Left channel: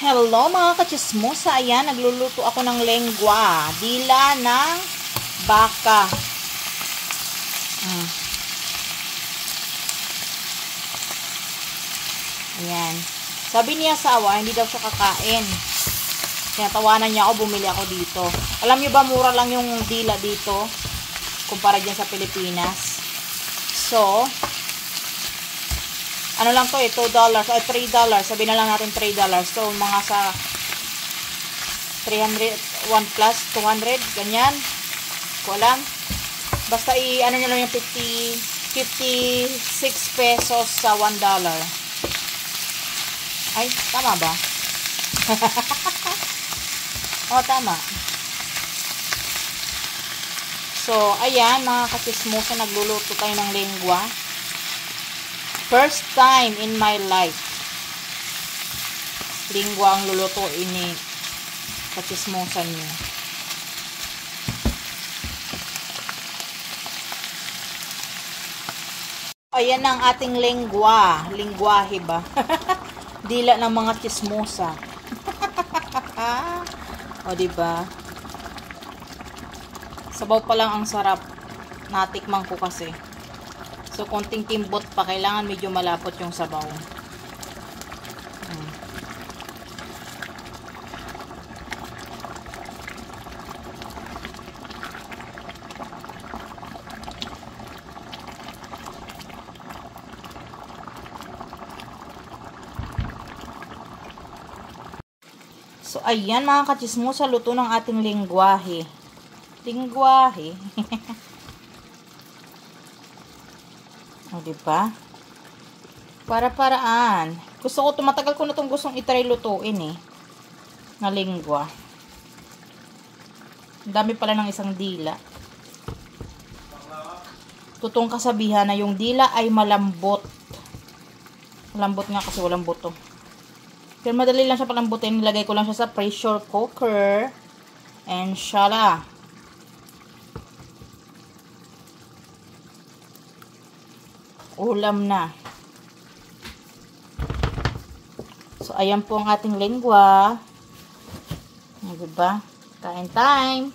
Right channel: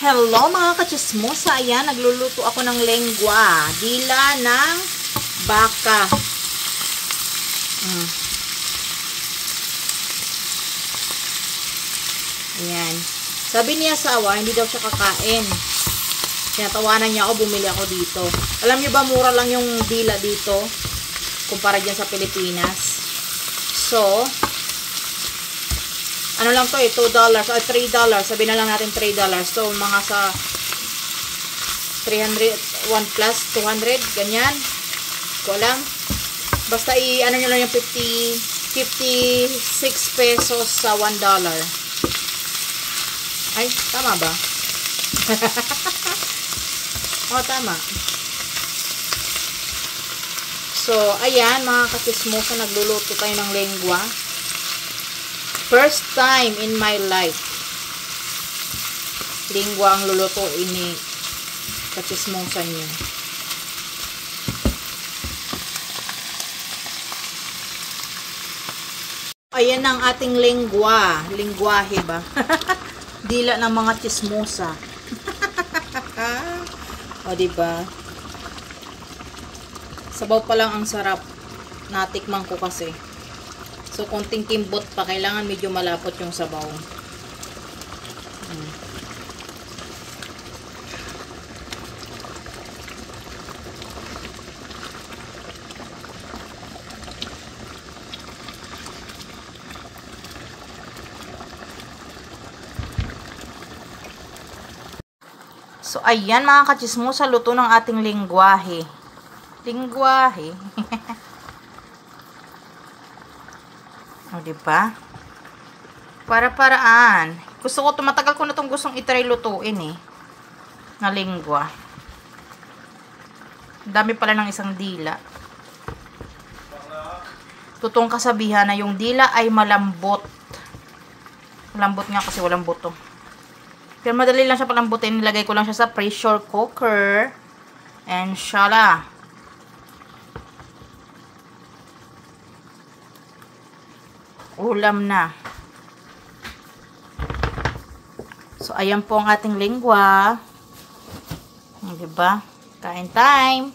Hello mga kachismosa, ayan, nagluluto ako ng lengua, dila ng baka. Ayan. Sabi niya sa awa, hindi daw siya kakain. Sinatawanan niya ako, bumili ako dito. Alam niyo ba, mura lang yung dila dito kumpara dyan sa Pilipinas. So, ano lang to eh, $2 o $3. Sabi na lang natin $3. So, mga sa 300, 1 plus 200, ganyan. Ko alam. Basta ano nyo lang yung 56 pesos sa $1. Ay, tama ba? O, tama. So, ayan, mga kakismosa, nagluluto tayo ng lengua. First time in my life. Lengua ang lulutuin ni kakismosa niyo. Ayan ang ating lengua. Lengguahe ba? Dila ng mga chismosa. O, diba? Sabaw pa lang ang sarap. Natikman ko kasi. So, konting kimbot pa. Kailangan medyo malapot yung sabaw. So, ayan mga kachismosa, luto ng ating lengguahe. Lengguahe. O, diba? Para-paraan. Tumatagal ko na itong gustong itry lutuin eh. Na lengua. Dami pala ng isang dila. Totoong kasabihan na yung dila ay malambot. Malambot nga kasi walang buto. Pero madali lang siya palambutin. Nilagay ko lang siya sa pressure cooker. And shala. Ulam na. So, ayan po ang ating lengua. Diba? Kain time.